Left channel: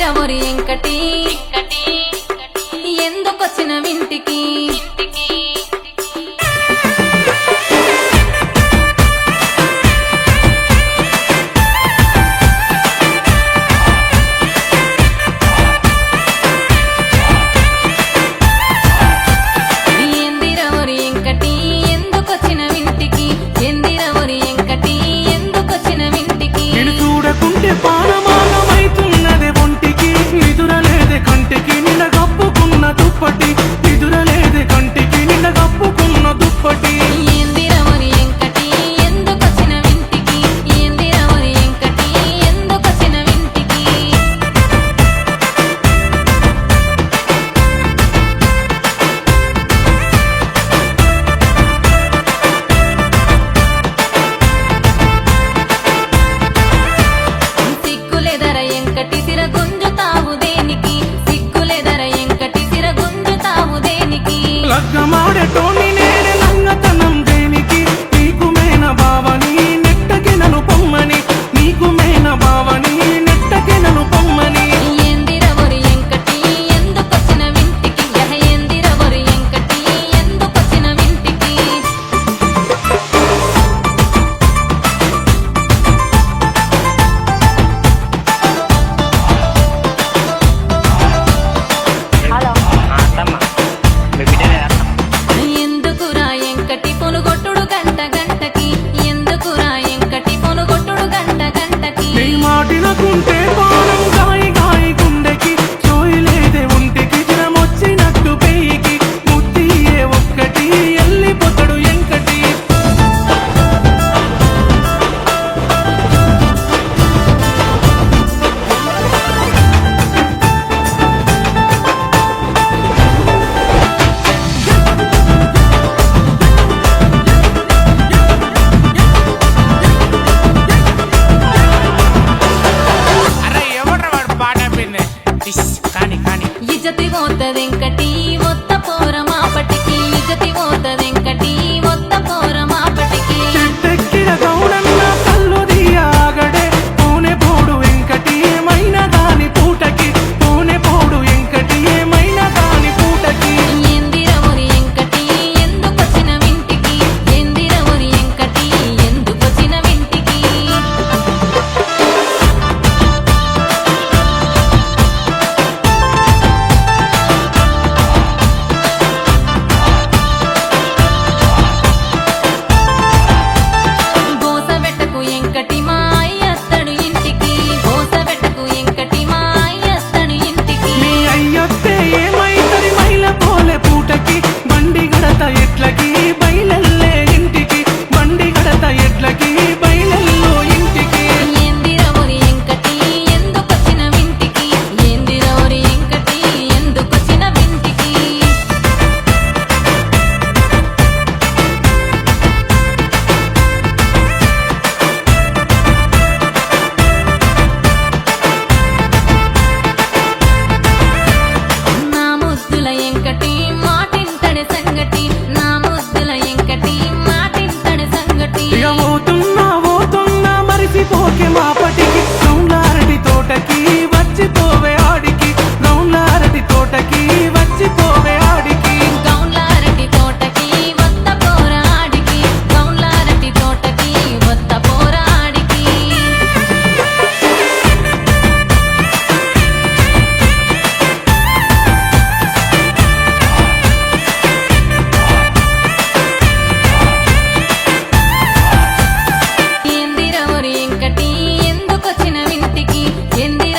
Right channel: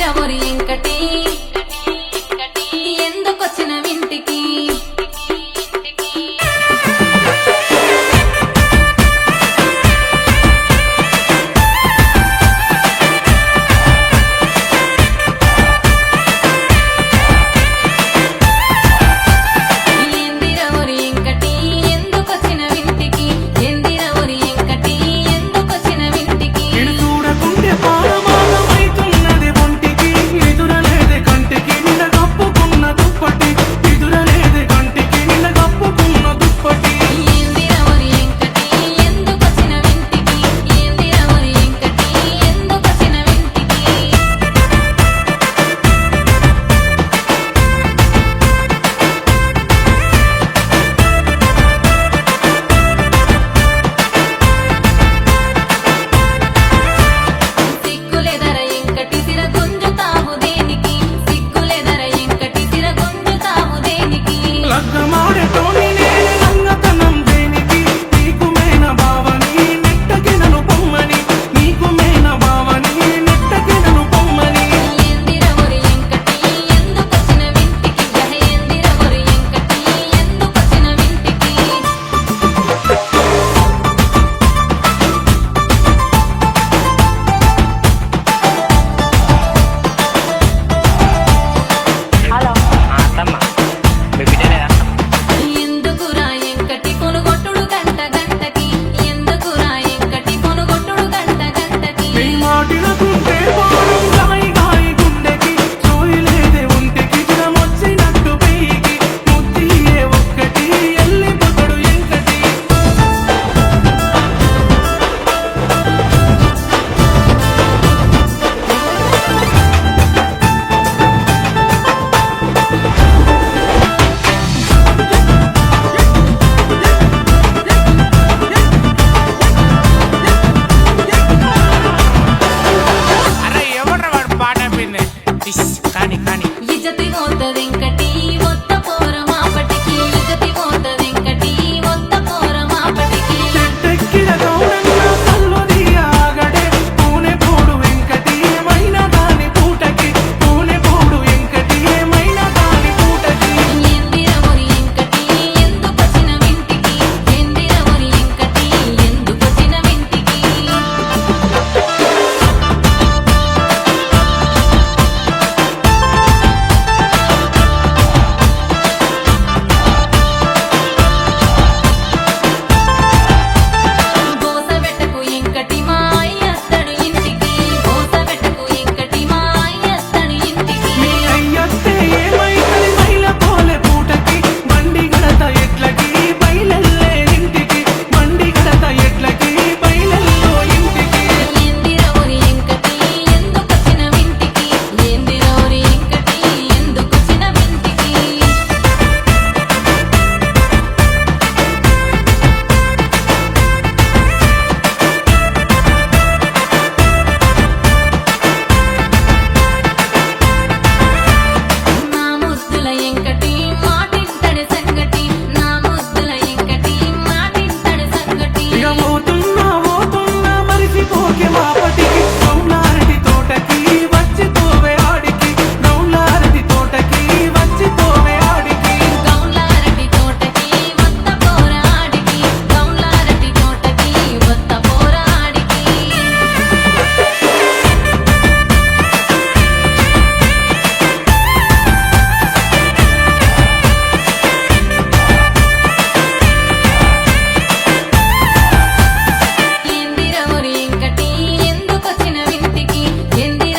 ఏందిరవరి ఎంకటి ఎందుకొచ్చిన వింటికి ఏందిరవరి ఎంకటి ఎందుకొచ్చిన వింటికి ఏందిరవరి ఎంకటి ఎందుకొచ్చిన వింటికి నేను చూడకుంటే పానమాగమైతున్నది ఒంటికి నిదురలేదే కంటికి నిన్న కప్పుకున్న దుప్పటి నిదురలేదే కంటికి నిన్న కప్పుకున్న దుప్పటి ఏందిరవరి ఎంకటి ఎందుకొచ్చిన వింటికి ఏందిరవరి ఎంకటి ఎందుకొచ్చిన వింటికి సిగ్గులేదర ఎంకటి సిర గుంజుతావు దేనికి సిగ్గులేదర ఎంకటి సిర గుంజుతావు దేనికి లగ్గమాడేటోని నేనే లంగతనం దేనికి నీకు మేన బావని నెట్టకి నన్ను పొమ్మని నీకు మేన బావని నెట్టకి నన్ను పొమ్మని ఏందిరవరి ఎంకటి ఎందుకొచ్చిన వింటికి యహ ఏందిరవరి ఎంకటి ఎందుకొచ్చిన వింటికి హలో అత్తమ్మ మీ బిడ్డనే అత్తమ్మ ఎందుకురా ఎంకటి పొనుగొట్టుడు గంట గంటకి ఎందుకురా ఎంకటి పొనుగొట్టుడు గంట గంటకి నీ మాటినకుంటే పానం గాయి గాయి గుండెకి సోయిలేదే ఒంటికి జ్వరమొచ్చినట్టు పెయికి ముద్దియే ఒక్కటి ఎల్లిపోతాడు ఎంకటి అరే ఎవడ్రా వాడు పాట పిండి కానీ కానీ ఇజతి పోతదెంకటి ఒత్త పోర మాపటికి ఇజతి పోతదెంకటి ఒత్త పోర మాపటికి చెట్టెక్కిన గౌడన్న కళ్ళు దియాగడే పూనె పోడు వెంకటి ఏమైనా దాని పూటకి పూనె పోడు వెంకటి ఏమైనా దాని పూటకి ఏందిరవరి ఎంకటి ఎందుకొచ్చిన వింటికి ఏందిరవరి ఎంకటి ఎందుకొచ్చిన వింటికి గోసబెట్టకు ఎంకటి మా అయ్యత్తడు ఇంటికి గోసబెట్టకు ఎంకటి మా అయ్యత్తడు ఇంటికి మీ అయ్యొత్తే ఏమైతది మైల పోలే పూటకి బండి గడత ఎట్లకి బయలెల్లే ఇంటికి బండి గడత ఎట్లకి బయలెల్లో ఇంటికి ఏందిరవరి ఎంకటి ఎందుకొచ్చిన వింటికి ఏందిరవరి ఎంకటి ఎందుకొచ్చిన వింటికి నా ముద్దుల ఎంకటి మాటింటడి సంగటి నా ముద్దుల ఎంకటి మాటింటడి సంగటి ఇక పోతున్నా మరిసిపోకే మాపటికి గౌన్లారటి తోటకి వచ్చిపోవే ఆడికి గౌన్లారటి తోటకి వచ్చిపోవే ఆడికి గౌన్లారటి తోటకి వత్త పోరాడికి గౌన్లారటి తోటకి వత్త పోరాడికి ఏందిరవరి ఎంకటి ఎందుకొచ్చిన వింటికి ఏంది